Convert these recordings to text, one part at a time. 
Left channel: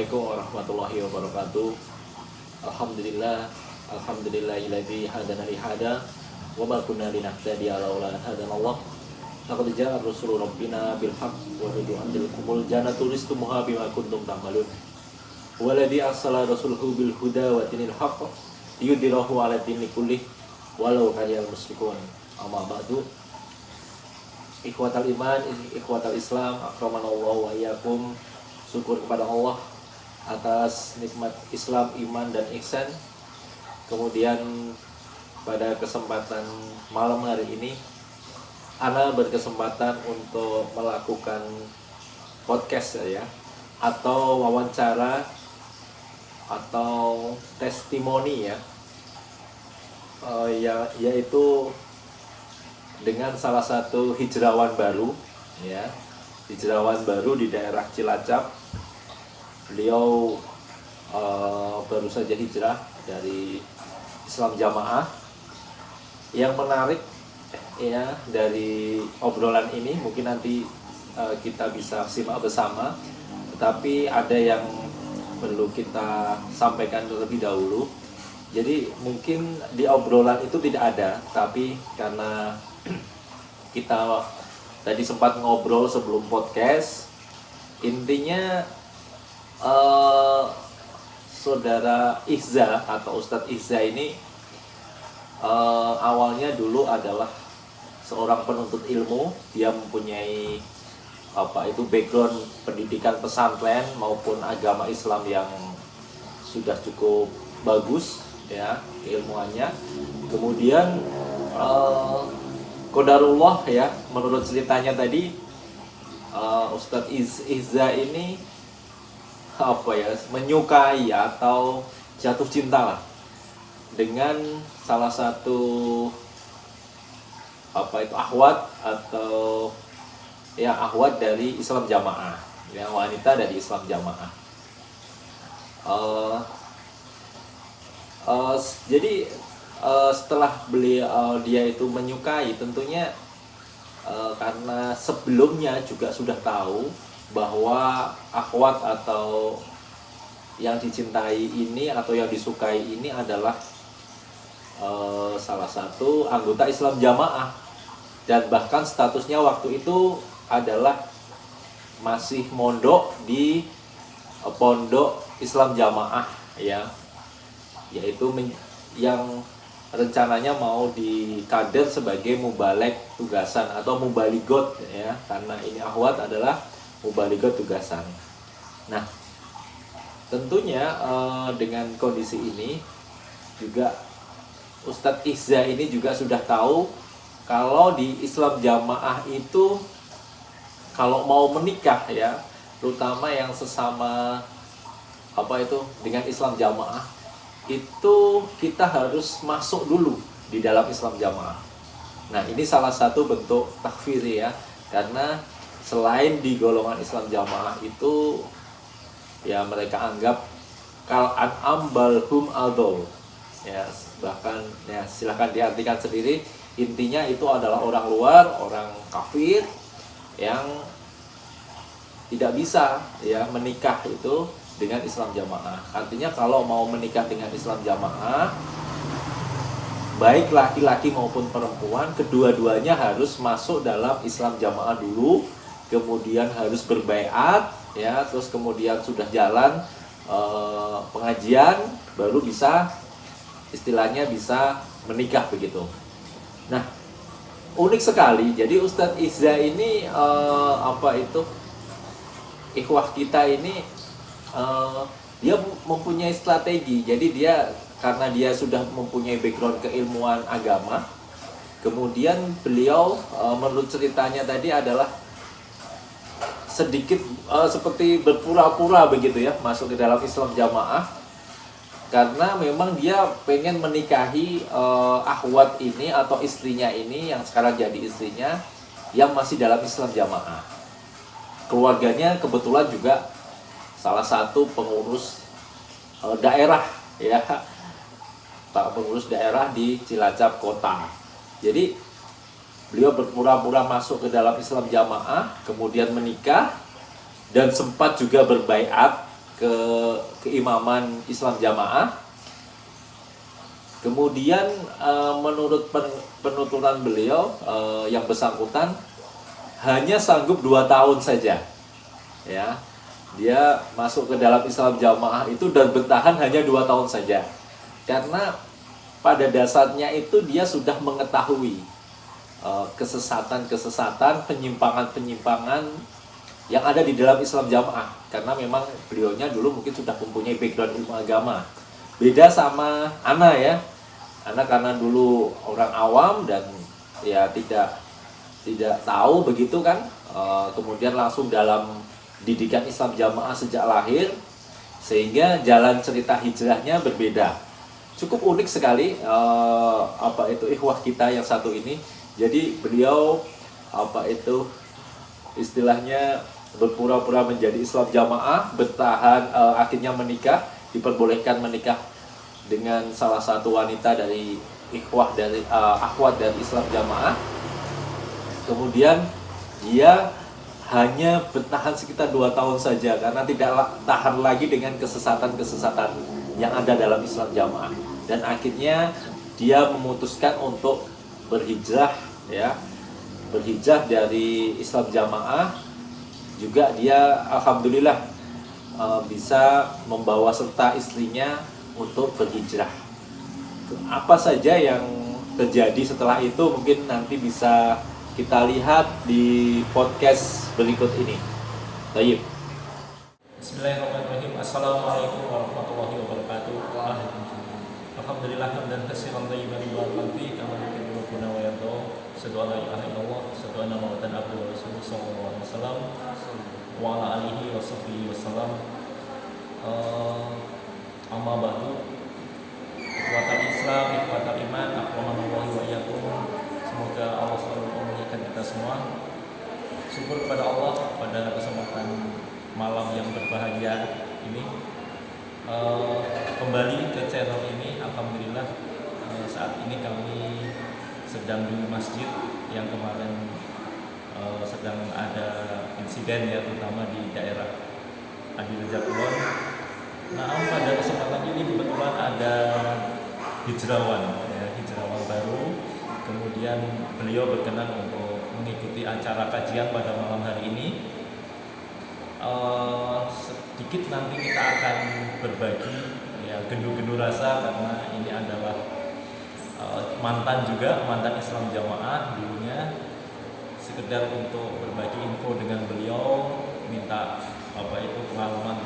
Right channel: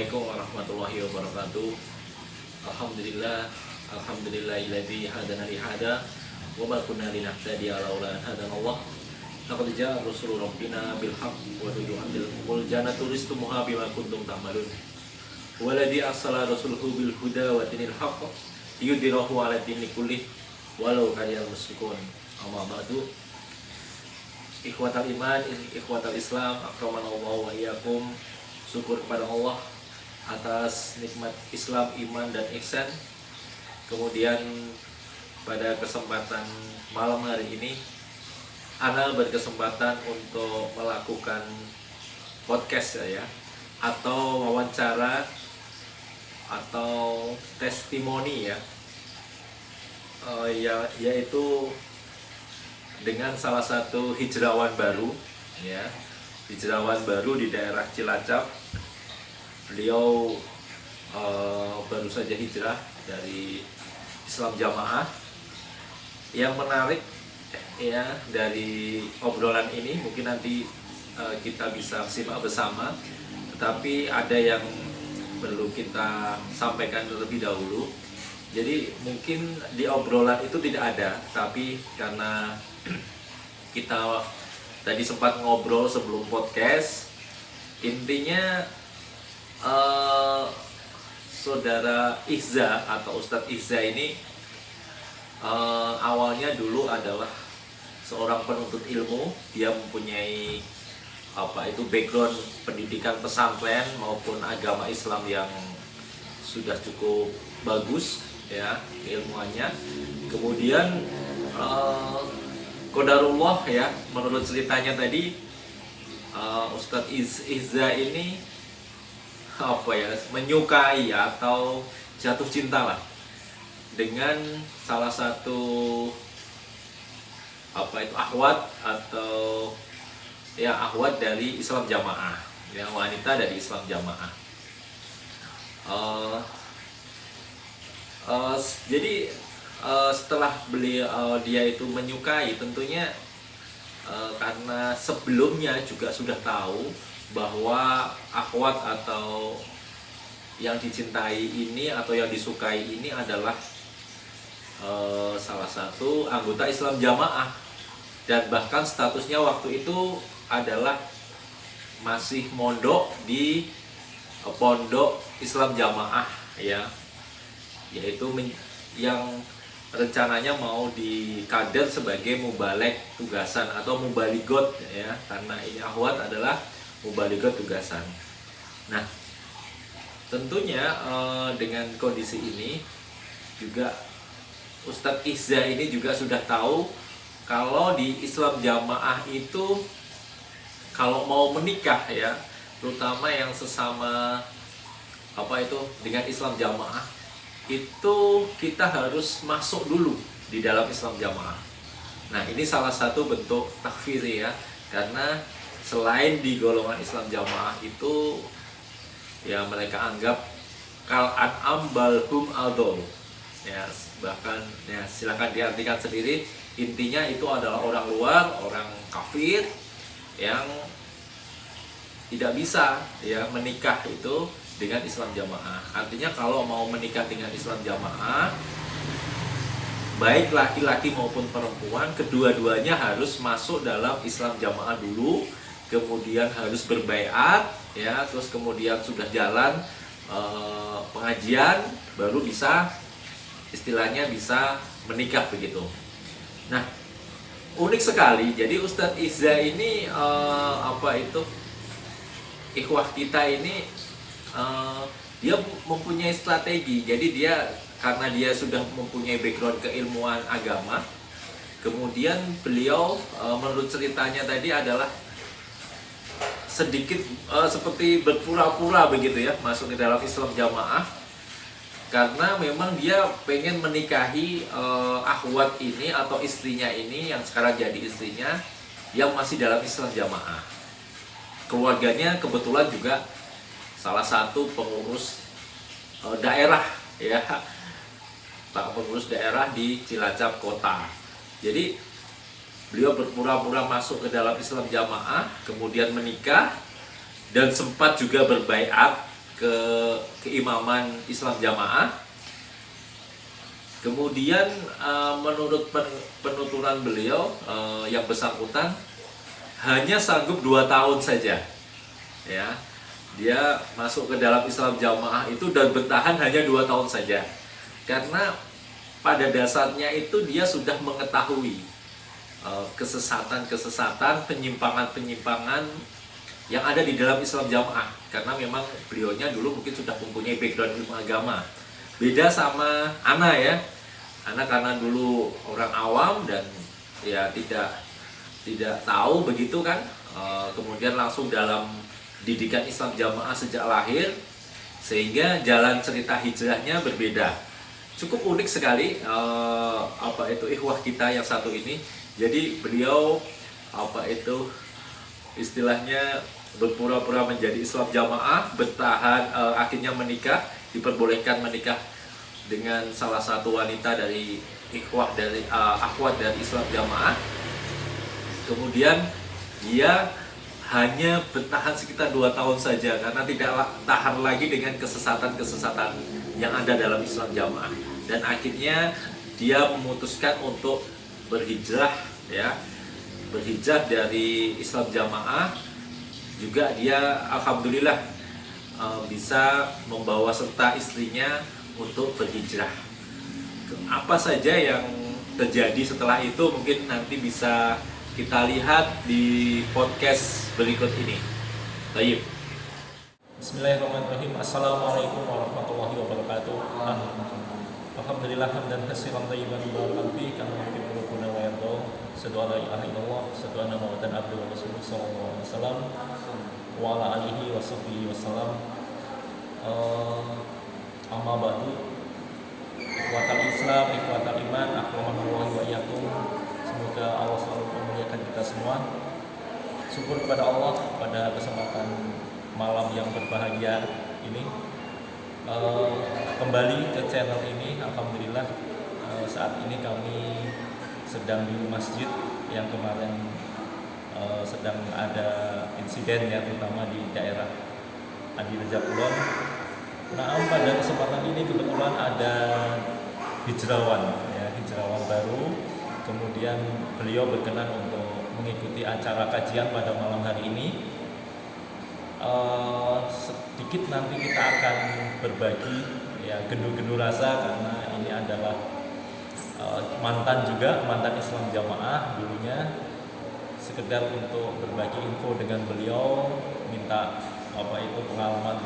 Assalamualaikum warahmatullahi wabarakatuh. Alhamdulillahilladzi hadana li hada wa ma kunna linahtadiya laula an hadanallah. Laqad jaa rusulu rabbina bil haqq wa ridwan bil qumul jannatu ristumuha bima kuntum ta'malun. Waladzi arsala rasulahu bil huda wa dinil haqq liyudhhirahu 'ala dini kullih walau karihal musyrikun. Amma ba'du. Ikhwatal iman, ikhwatal Islam, akramanallahu wa iyyakum. Syukur kepada Allah atas nikmat Islam, iman, dan ihsan. Kemudian pada kesempatan malam hari ini Ana berkesempatan untuk melakukan podcast ya, atau wawancara atau testimoni yaitu dengan salah satu hijrawan baru ya, hijrawan baru di daerah Cilacap. Beliau baru saja hijrah dari Islam Jamaah. Yang menarik ya dari obrolan ini mungkin nanti kita bisa simak bersama, tetapi ada yang perlu kita sampaikan terlebih dahulu. Jadi mungkin di obrolan itu tidak ada, tapi karena kita tadi sempat ngobrol sebelum podcast, intinya Saudara Izza atau Ustadz Izza ini awalnya dulu adalah seorang penuntut ilmu. Dia mempunyai background pendidikan pesantren maupun agama Islam yang sudah cukup bagus ya ilmuannya. Kemudian qadarullah ya, menurut ceritanya tadi Ustadz Izza ini menyukai atau jatuh cinta lah dengan salah satu akhwat atau ya akhwat dari Islam Jamaah, ya wanita dari Islam Jamaah. Jadi setelah dia itu menyukai, tentunya karena sebelumnya juga sudah tahu bahwa akhwat atau yang dicintai ini atau yang disukai ini adalah salah satu anggota Islam Jamaah, dan bahkan statusnya waktu itu adalah masih mondok di pondok Islam Jamaah ya, yaitu yang rencananya mau dikader sebagai mubalek tugasan atau mubaligot ya, karena ini akhwat adalah mubaligot tugasan. Nah, tentunya dengan kondisi ini juga Ustadz Izza ini juga sudah tahu kalau di Islam Jamaah itu kalau mau menikah ya, terutama yang sesama dengan Islam Jamaah, itu kita harus masuk dulu di dalam Islam Jamaah. Nah, ini salah satu bentuk takfir ya, karena selain di golongan Islam Jamaah itu ya mereka anggap kal an'am balhum adol ya, bahkan ya silahkan diartikan sendiri, intinya itu adalah orang luar, orang kafir yang tidak bisa ya menikah itu dengan Islam Jamaah. Artinya kalau mau menikah dengan Islam Jamaah, baik laki-laki maupun perempuan, kedua-duanya harus masuk dalam Islam Jamaah dulu, kemudian harus berbaiat ya, terus kemudian sudah jalan pengajian, baru bisa istilahnya bisa menikah begitu. Nah, unik sekali. Jadi Ustadz Izza ini ikhwah kita ini dia mempunyai strategi. Jadi dia karena dia sudah mempunyai background keilmuan agama, kemudian beliau menurut ceritanya tadi adalah sedikit seperti berpura-pura begitu ya masuk ke dalam Islam Jamaah, karena memang dia pengen menikahi akhwat ini atau istrinya ini yang sekarang jadi istrinya yang masih dalam Islam Jamaah. Keluarganya kebetulan juga salah satu pengurus daerah ya, Pak pengurus daerah di Cilacap kota. Jadi beliau berpura-pura masuk ke dalam Islam Jamaah, kemudian menikah, dan sempat juga berbaiat ke keimaman Islam Jamaah. Kemudian menurut penuturan beliau yang bersangkutan hanya sanggup 2 tahun saja, ya. Dia masuk ke dalam Islam Jamaah itu dan bertahan hanya 2 tahun saja, karena pada dasarnya itu dia sudah mengetahui kesesatan-kesesatan, penyimpangan-penyimpangan yang ada di dalam Islam Jamaah, karena memang beliaunya dulu mungkin sudah mempunyai background ilmu agama. Beda sama Ana ya, Ana karena dulu orang awam dan ya tidak tahu begitu kan, kemudian langsung dalam didikan Islam Jamaah sejak lahir, sehingga jalan cerita hijrahnya berbeda. Cukup unik sekali ikhwah kita yang satu ini. Jadi beliau istilahnya berpura-pura menjadi Islam Jamaah, bertahan, akhirnya menikah, diperbolehkan menikah dengan salah satu wanita dari ikhwah dari akhwat dari Islam Jamaah. Kemudian dia hanya bertahan sekitar 2 tahun saja karena tidak tahan lagi dengan kesesatan-kesesatan yang ada dalam Islam Jamaah, dan akhirnya dia memutuskan untuk berhijrah, ya, berhijrah dari Islam Jamaah. Juga dia alhamdulillah bisa membawa serta istrinya untuk berhijrah. Apa saja yang terjadi setelah itu mungkin nanti bisa kita lihat di podcast berikut ini. Baik. Bismillahirrahmanirrahim. Assalamualaikum warahmatullahi wabarakatuh. Alhamdulillah hamdan katsiran thayyiban mubarakan fihi kama yuhibbu rabbuna wa yarda. Asyhadu an la ilaha illallah, asyhadu anna Muhammadan abduhu wa rasuluhu sallallahu alaihi wasallam wa ala alihi wa sahbihi wasallam. Amma ba'du. Ikhwatal Islam, ikhwatal iman, akhwanallahi wa iyyakum. Semoga Allah selalu memuliakan kita semua. Syukur kepada Allah pada kesempatan malam yang berbahagia ini, kembali ke channel ini. Alhamdulillah saat ini kami sedang di masjid yang kemarin sedang ada insiden ya, terutama di daerah Adi Rejak Kulon. Nah, pada kesempatan ini kebetulan ada hijrawan baru. Kemudian beliau berkenan untuk mengikuti acara kajian pada malam hari ini. Sedikit nanti kita akan berbagi ya gendu-gendu rasa, karena ini adalah mantan Islam Jamaah dulunya. Sekedar untuk berbagi info dengan beliau, minta pengalaman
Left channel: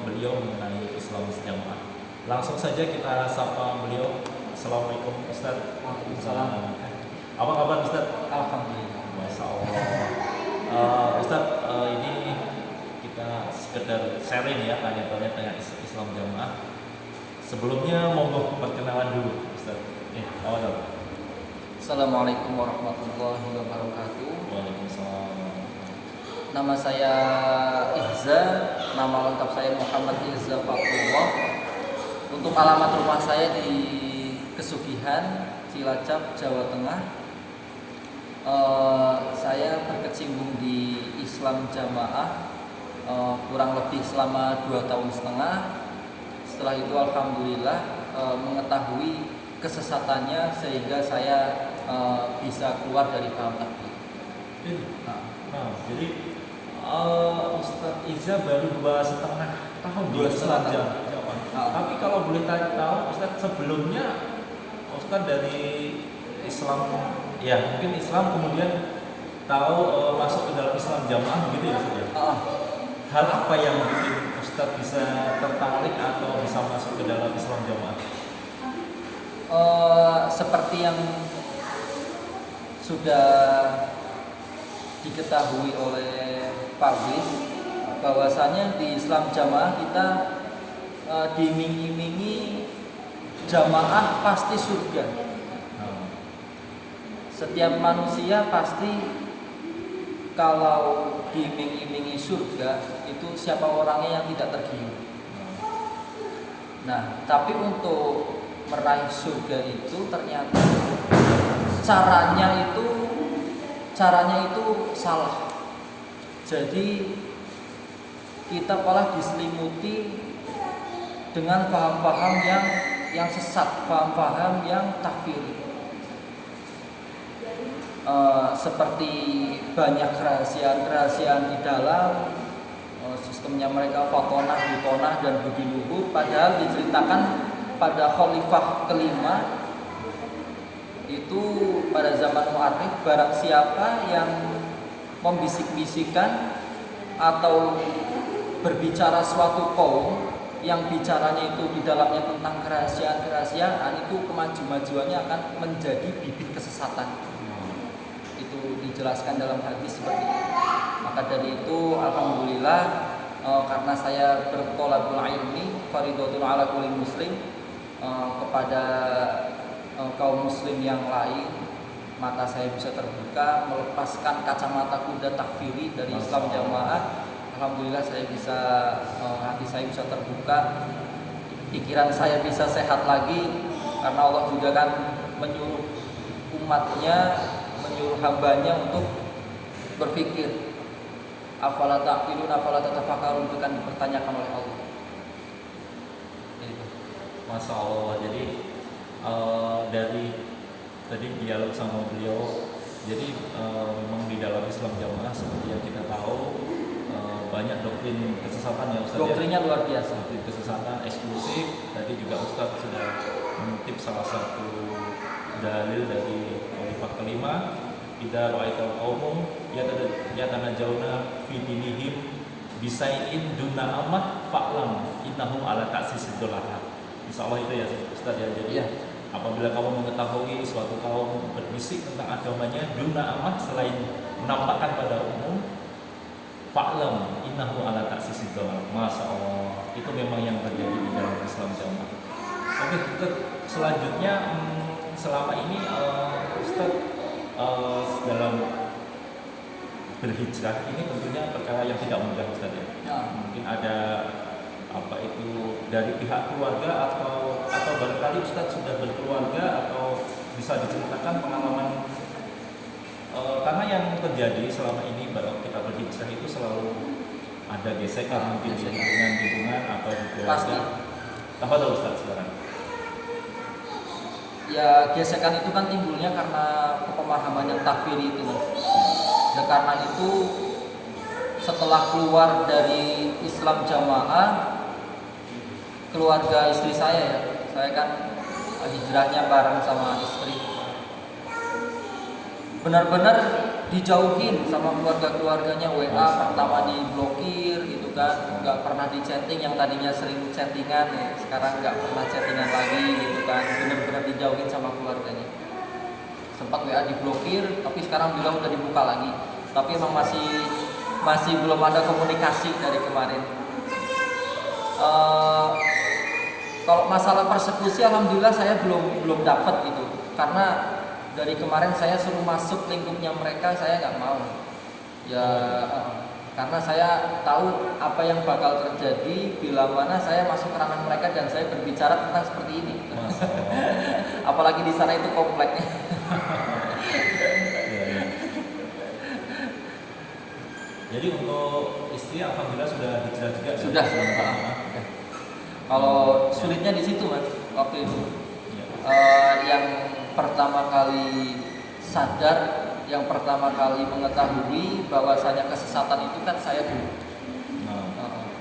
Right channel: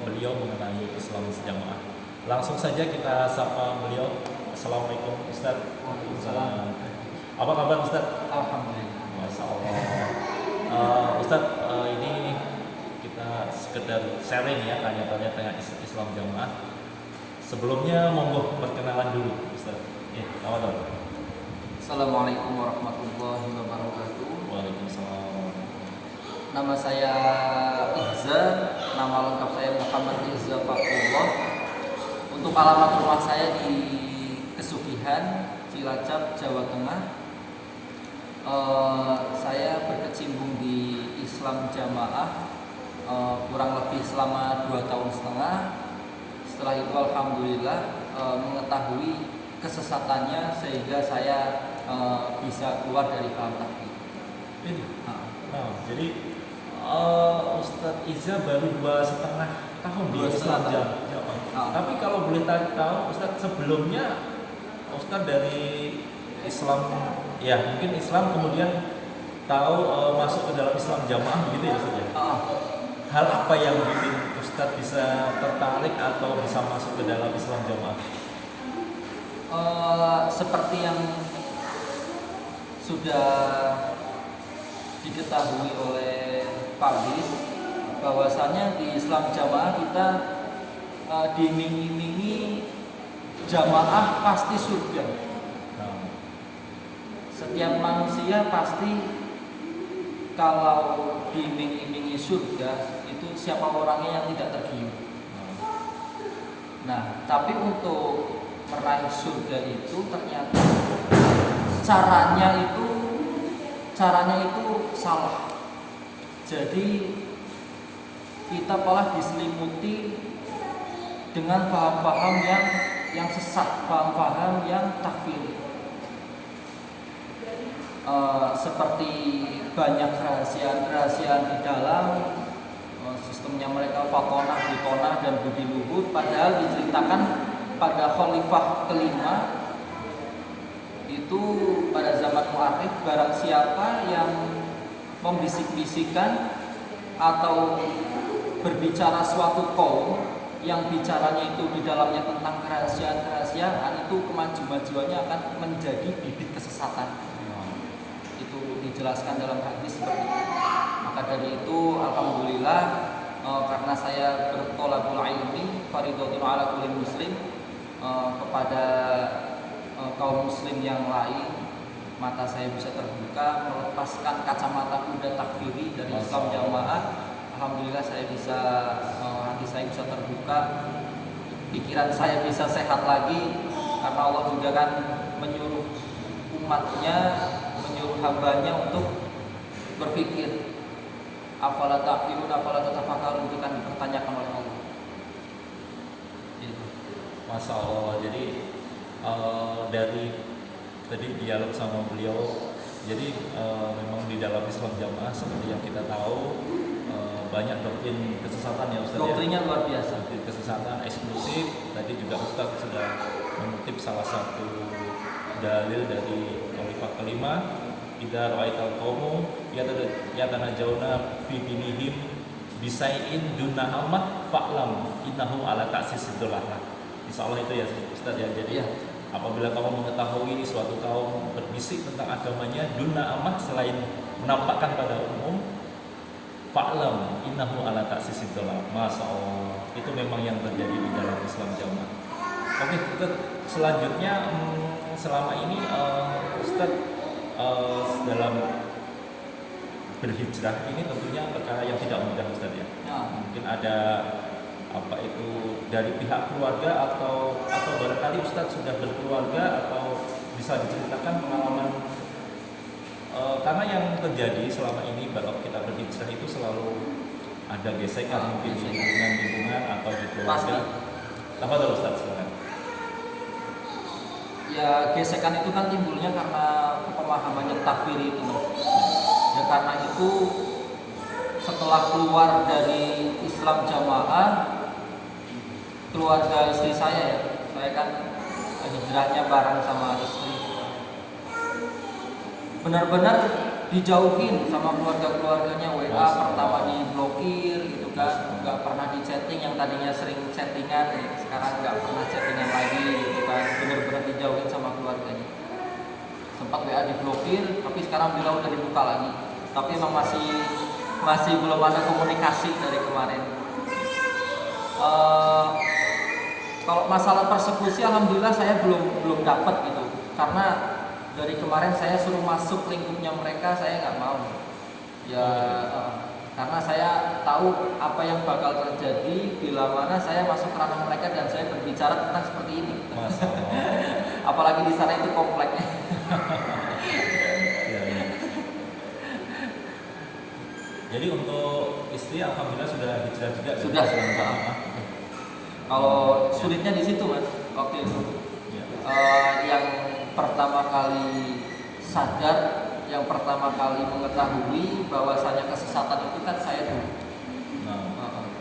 beliau mengenai Islam Jamaah. Langsung saja kita sapa beliau. Assalamualaikum Ustaz. Waalaikumsalam. Apa kabar Ustaz? Alhamdulillah. Masya Allah. Ustaz, ini kita sekedar sharing ya, tanya-tanya tentang Islam Jamaah. Sebelumnya monggo perkenalan dulu Ustaz. Selamat datang. Assalamualaikum warahmatullahi wabarakatuh. Waalaikumsalam. Nama saya Ihza, nama lengkap saya Muhammad Ihza Fakullah. Untuk alamat rumah saya di Kesugihan, Cilacap, Jawa Tengah. Saya berkecimpung di Islam Jamaah kurang lebih selama 2 tahun setengah. Setelah itu alhamdulillah mengetahui kesesatannya sehingga saya bisa keluar dari paham takfir. Jadi Ustaz Iza baru 2,5 tahun di Islam Jamaah. Tapi kalau boleh tahu Ustaz, sebelumnya Ustaz dari Islam ya, mungkin Islam kemudian tahu masuk ke dalam Islam Jamaah begitu ya Ustaz ya? Hal apa yang bikin Ustaz bisa tertarik atau bisa masuk ke dalam Islam Jamaah? Seperti yang sudah diketahui oleh Pardis, bahwasanya di Islam Jamaah kita diiming-imingi jamaah pasti surga. Setiap manusia pasti kalau diiming-imingi surga itu siapa orangnya yang tidak tergiur. Nah, tapi untuk meraih surga itu ternyata caranya itu salah. Jadi kita malah diselimuti dengan paham-paham yang sesat, paham-paham yang takfiri. Seperti banyak kerahasiaan di dalam sistemnya mereka fatonah, butonah, dan budi luhur, padahal diceritakan pada khalifah kelima itu pada zaman Mu'arif, barang siapa yang membisik-bisikan atau berbicara suatu kaum yang bicaranya itu di dalamnya tentang kerahasiaan itu kemajuannya akan menjadi bibit kesesatan. Itu dijelaskan dalam hadis seperti itu. Maka dari itu alhamdulillah, karena saya bertolabul ilmi faridatun ala kulli muslim, kepada kaum muslim yang lain, mata saya bisa terbuka, melepaskan kacamata kuda takfiri dari Islam Jamaah. Alhamdulillah saya bisa, hati saya bisa terbuka, pikiran saya bisa sehat lagi, karena Allah juga kan menyuruh umatnya, menyuruh hambanya untuk berpikir. Afala taqilun, afala tatafakkarun, itu kan dipertanyakan oleh Allah. Masya Allah. Jadi dari tadi dialog sama beliau, jadi memang di dalam Islam Jamaah seperti yang kita tahu, banyak doktrin kesesatan yang doktrinnya luar biasa. Doktrin kesesatan eksklusif. Tadi juga Ustaz sudah mengutip salah satu dalil dari Khalifah kelima, idza ra'aital qaumum yatanajawna fi dinihim bisai'in duna ammah fa'lam innahum ala ta'sis dolalah. Insyaallah itu ya Ustaz ya. Jadi apabila kamu mengetahui suatu kaum berbisik tentang agamanya duna ammah, selain menampakkan pada umum, fa'lam innahu ala ta'sis dolalah. Masyaallah, itu memang yang terjadi di dalam Islam Jamaah. Oke, Ustaz, selanjutnya selama ini Ustaz dalam berhijrah ini tentunya perkara yang tidak mudah Ustaz ya. Mungkin ada apa itu dari pihak keluarga atau barangkali Ustaz sudah berkeluarga, atau bisa diceritakan pengalaman, karena yang terjadi selama ini baru kita berhijrah itu selalu ada gesekan mungkin di lingkungan atau di keluarga. Tafadhol Ustaz sekarang. Ya, gesekan itu kan timbulnya karena pemahaman yang takfiri itu, Mas. Dan karena itu setelah keluar dari Islam Jamaah, keluarga istri saya kan hijrahnya bareng sama istri, benar-benar dijauhin sama keluarganya. WA pertama diblokir gitu kan, nggak pernah di chatting. Yang tadinya sering chattingan sekarang nggak pernah chattingan lagi gitu kan, benar-benar dijauhin sama keluarganya. Sempat WA diblokir, tapi sekarang bilang udah dibuka lagi, tapi emang masih belum ada komunikasi dari kemarin. Kalau masalah persekusi, alhamdulillah saya belum dapat gitu, karena dari kemarin saya suruh masuk lingkupnya mereka, saya nggak mau. Ya, karena saya tahu apa yang bakal terjadi bila mana saya masuk ke ranah mereka dan saya berbicara tentang seperti ini. Apalagi di sana itu kompleknya. Jadi untuk istri alhamdulillah sudah hijrah juga. Sudah. Kalau sulitnya di situ Mas, waktu itu yang pertama kali sadar, yang pertama kali mengetahui bahwasanya kesesatan itu kan saya dulu.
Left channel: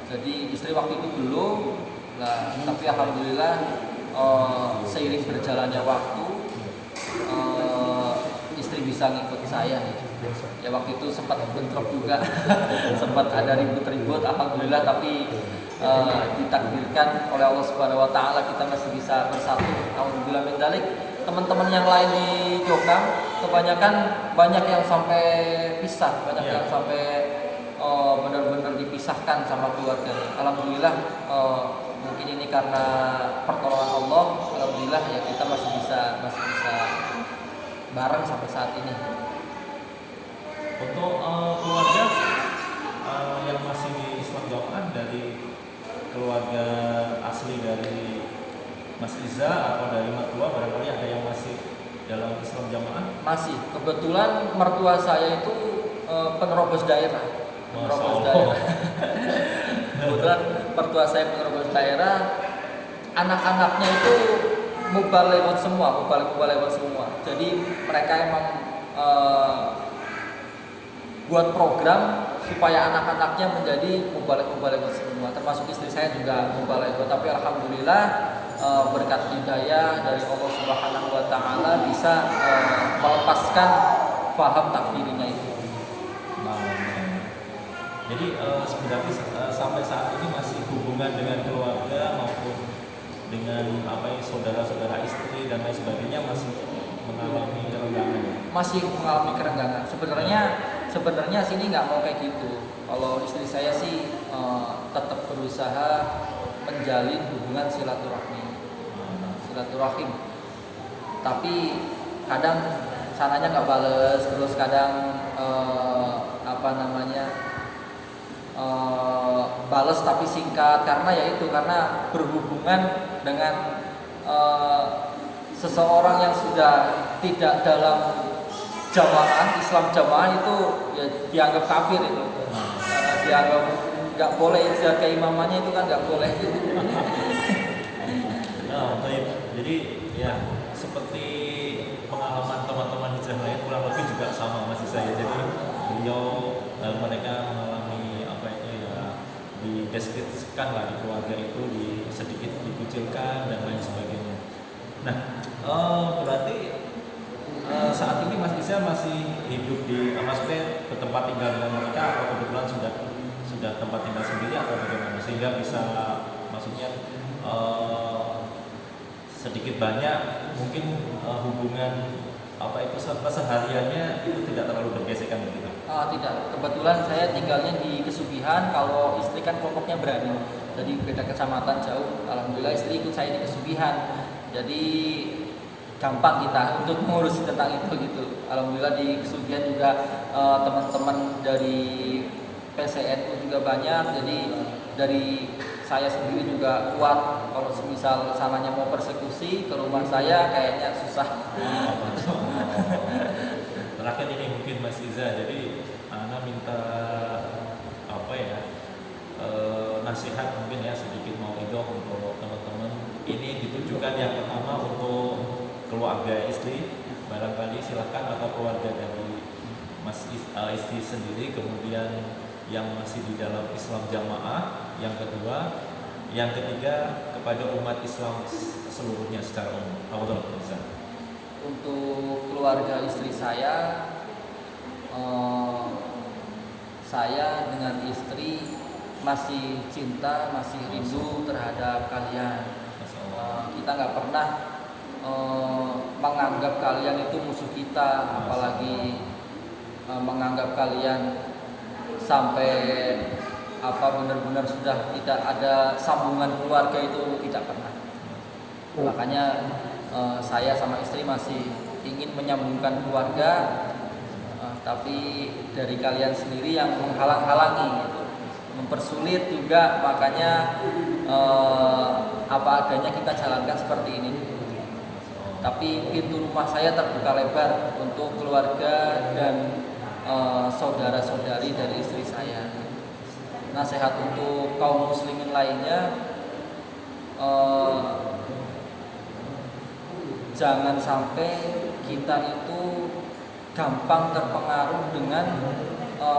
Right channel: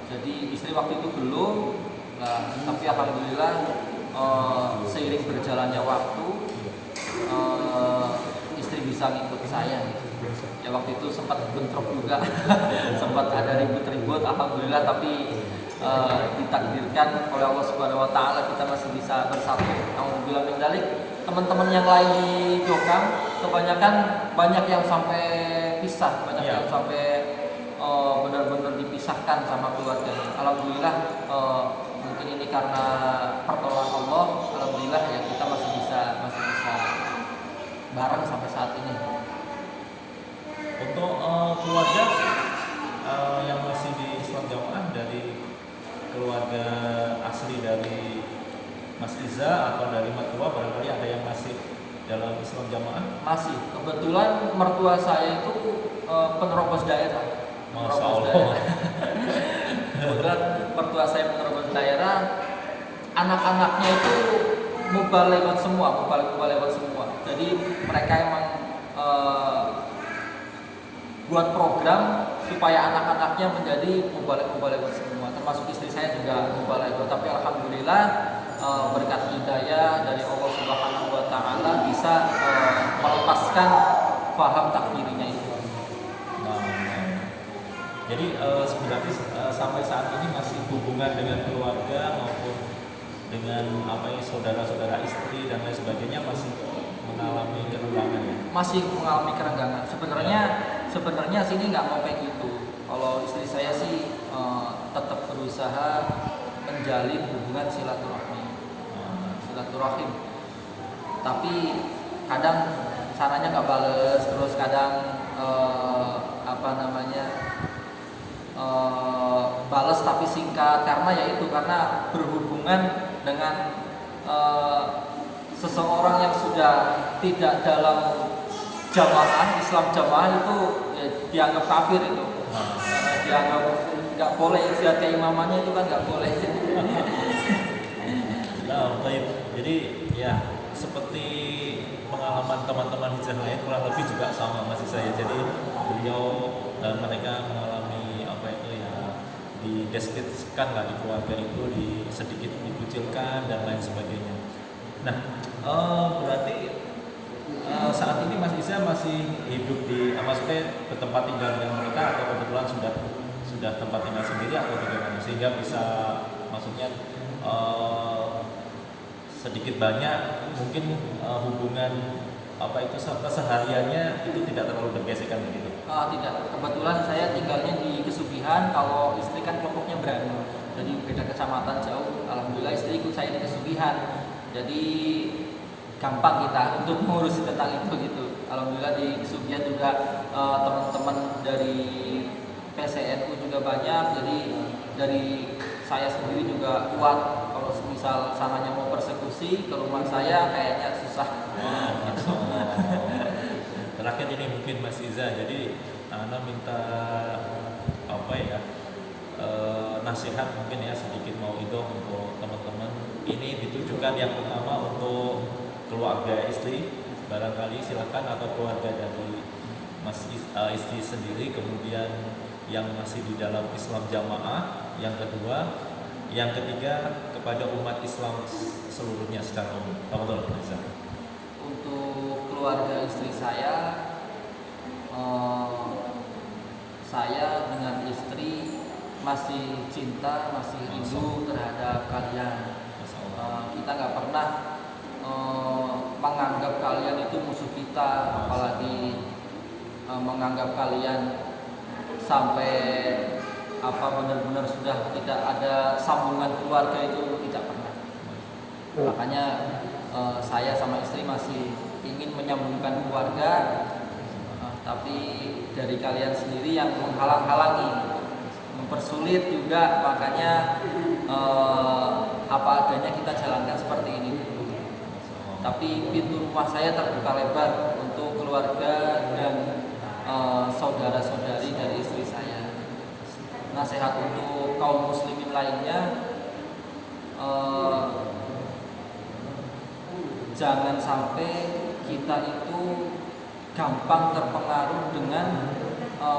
Jadi istri waktu itu belum. Nah, tapi alhamdulillah seiring berjalannya waktu, istri bisa ngikut saya gitu. Ya waktu itu sempat bentrok juga, sempat ada ribut-ribut, alhamdulillah, tapi ditakdirkan oleh Allah Subhanahu Wa Taala kita masih bisa bersatu. Alhamdulillah min dzalik. Teman-teman yang lain di Jokang kebanyakan banyak yang sampai pisah, banyak yang sampai benar-benar dipisahkan sama keluarganya. Alhamdulillah, mungkin ini karena pertolongan Allah. Alhamdulillah ya kita masih bisa bareng sampai saat ini. Untuk keluarga yang masih di Islam Jamaah, dari keluarga asli dari Mas Iza atau dari mertua, barangkali ada yang masih dalam Islam Jamaah? Masih. Kebetulan mertua saya itu penerobos daerah. Kebetulan mertua saya penerobos daerah. anak-anaknya itu mubalewat semua, mubalewat semua. Jadi mereka emang buat program supaya anak-anaknya menjadi mubalewat semua. Termasuk istri saya juga mubalewat. Tapi alhamdulillah berkat hidayah dari Allah Subhanahu Wa Taala bisa melepaskan paham takfirinya itu. Nah, jadi sebenarnya sampai saat ini masih hubungan dengan keluarga maupun dengan saudara-saudara istri dan lain sebagainya masih mengalami kerenggangan ya? Masih mengalami kerenggangan. Sebenarnya sini nggak mau kayak gitu. Kalau istri saya sih tetap berusaha menjalin hubungan silaturahim. Tapi kadang sananya nggak bales, terus kadang bales tapi singkat karena berhubungan dengan seseorang yang sudah tidak dalam jamaah Islam jamaah itu ya, dianggap kafir itu. Dianggap nggak boleh ijtihad keimamannya itu kan nggak boleh. Nah, jadi ya seperti pengalaman teman-teman hijrah lain kurang lebih juga sama masih saya. Jadi beliau mereka mengalami dideskripsikan lah di keluarga itu sedikit dikucilkan dan lain sebagainya. Nah, berarti saat ini Mas Iza masih hidup di maksudnya ke tempat tinggal dengan mereka atau kebetulan sudah tempat tinggal sendiri atau bagaimana sehingga bisa maksudnya sedikit banyak mungkin hubungan kesehariannya itu tidak terlalu bergesekan begitu. Tidak, kebetulan saya tinggalnya di Kesugihan. Kalau istri kan kelompoknya berani, jadi beda kecamatan jauh. Alhamdulillah istri ikut saya di Kesugihan, jadi gampang kita untuk mengurusi tentang itu gitu. Alhamdulillah di Kesugihan juga teman-teman dari PCNU juga banyak, jadi dari saya sendiri juga kuat. Kalau misal sananya mau persekusi ke rumah saya kayaknya susah. Terakhir ini mungkin Mas Iza, jadi Ana minta nasihat mungkin ya sedikit mau untuk teman-teman. Ini ditujukan yang pertama untuk keluarga istri, barangkali silakan, atau keluarga dari Mas istri sendiri, kemudian yang masih di dalam Islam jamaah, yang kedua, yang ketiga kepada umat Islam seluruhnya secara umum. Untuk keluarga istri saya dengan istri masih cinta, masih rindu terhadap kalian. Kita nggak pernah menganggap kalian itu musuh kita, apalagi menganggap kalian sampai benar-benar sudah tidak ada sambungan keluarga, itu tidak pernah. Makanya saya sama istri masih ingin menyambungkan keluarga, tapi dari kalian sendiri yang menghalang-halangi, mempersulit juga. Makanya apa adanya kita jalankan seperti ini. Tapi pintu rumah saya terbuka lebar untuk keluarga dan saudara-saudari dari istri saya. Nasihat untuk kaum muslimin lainnya, jangan sampai kita itu gampang terpengaruh dengan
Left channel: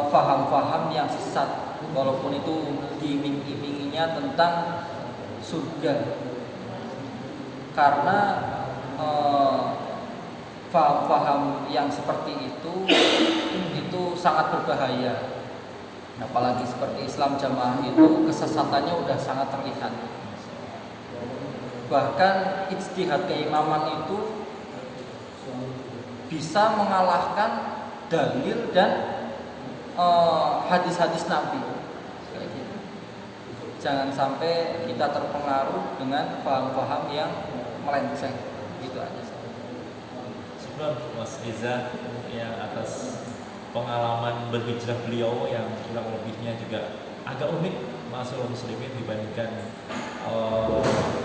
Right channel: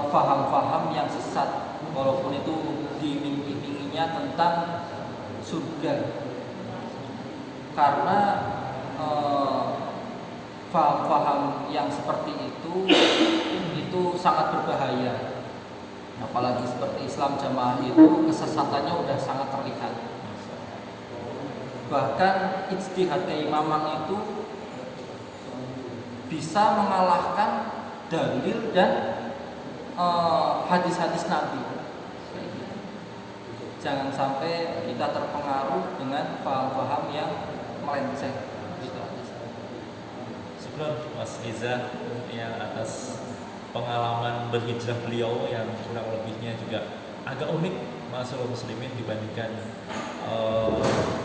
faham-faham yang sesat, walaupun itu diiming-iminginya tentang surga. Karena faham-faham yang seperti itu sangat berbahaya. Apalagi seperti Islam jamaah itu kesesatannya udah sangat terlihat. Bahkan ijtihad keimaman itu bisa mengalahkan dalil dan hadis-hadis Nabi. Kayak gitu. Jangan sampai kita terpengaruh dengan paham-paham yang melenceng. Gitu aja. Syukur Mas Riza yang atas pengalaman berhijrah beliau yang kurang lebihnya juga agak unik masalah muslimin dibandingkan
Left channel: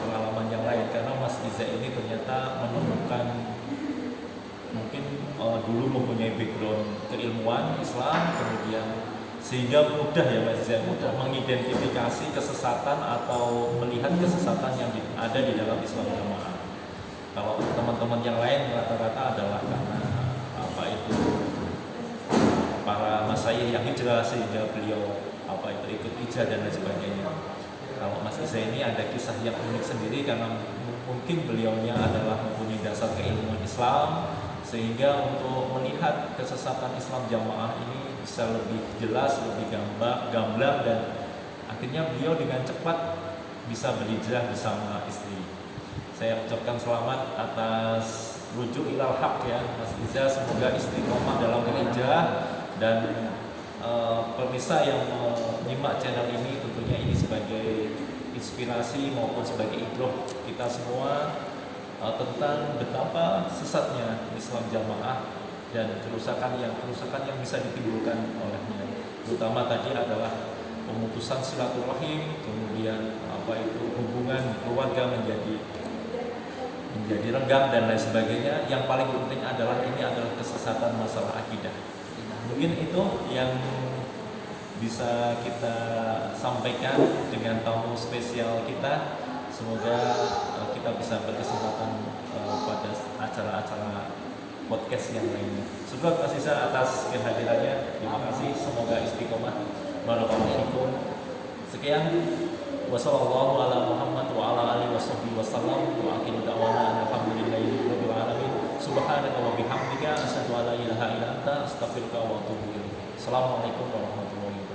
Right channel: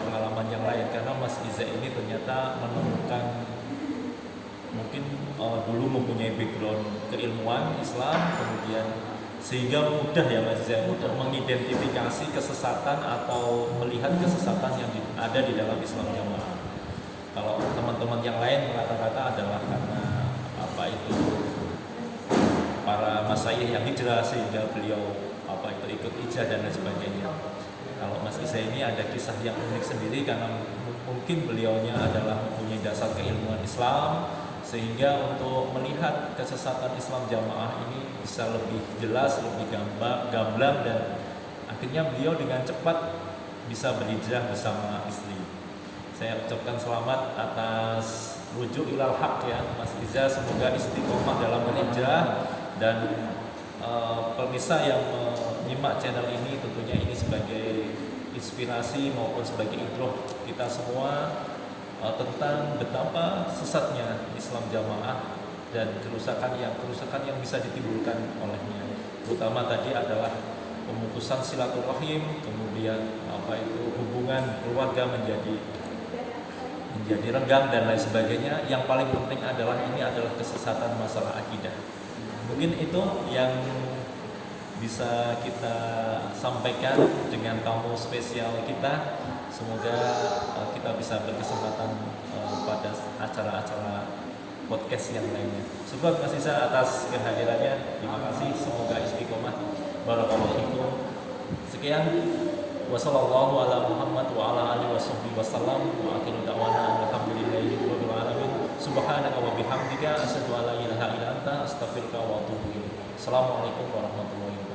pengalaman yang lain, karena Mas Riza ini ternyata menemukan mungkin dulu mempunyai background keilmuan Islam, kemudian sehingga mudah ya Mas Iza untuk mengidentifikasi kesesatan atau melihat kesesatan yang ada di dalam Islam Jamaah. Kalau teman-teman yang lain rata-rata adalah karena apa itu para masyayikh yang hijrah sehingga beliau apa itu ikut hijrah dan lain sebagainya. Kalau Mas Iza ini ada kisah yang unik sendiri karena mungkin beliaunya adalah mempunyai dasar keilmuan Islam, sehingga untuk melihat kesesatan Islam Jamaah ini bisa lebih jelas, lebih gamblang, dan akhirnya beliau dengan cepat bisa berhijrah bersama istri. Saya ucapkan selamat atas rujuk ilal haq ya Mas Iza, semoga istiqomah dalam berhijrah, dan pemirsa yang menyimak channel ini tentunya ini sebagai inspirasi maupun sebagai ibrah kita semua tentang betapa sesatnya Islam Jamaah dan kerusakan yang bisa ditimbulkan olehnya. Terutama tadi adalah pemutusan silaturahim, kemudian apa itu hubungan keluarga menjadi renggang dan lain sebagainya. Yang paling penting adalah ini adalah kesesatan masalah akidah. Mungkin itu yang bisa kita sampaikan dengan tamu spesial kita. Semoga kita bisa berkesempatan pada acara-acara podcast yang lainnya. Syukur Mas Iza atas kehadirannya. Terima kasih. Semoga istiqomah. Barakallahu fikum. Sekian. Wassallallahu ala Muhammad wa ala alihi wasallam. Wa akhiru da'wana alhamdulillahi rabbil alamin. Subhanaka wa bihamdika asyhadu an la ilaha illa anta astaghfiruka wa atubu ilaik. Assalamualaikum warahmatullahi wabarakatuh.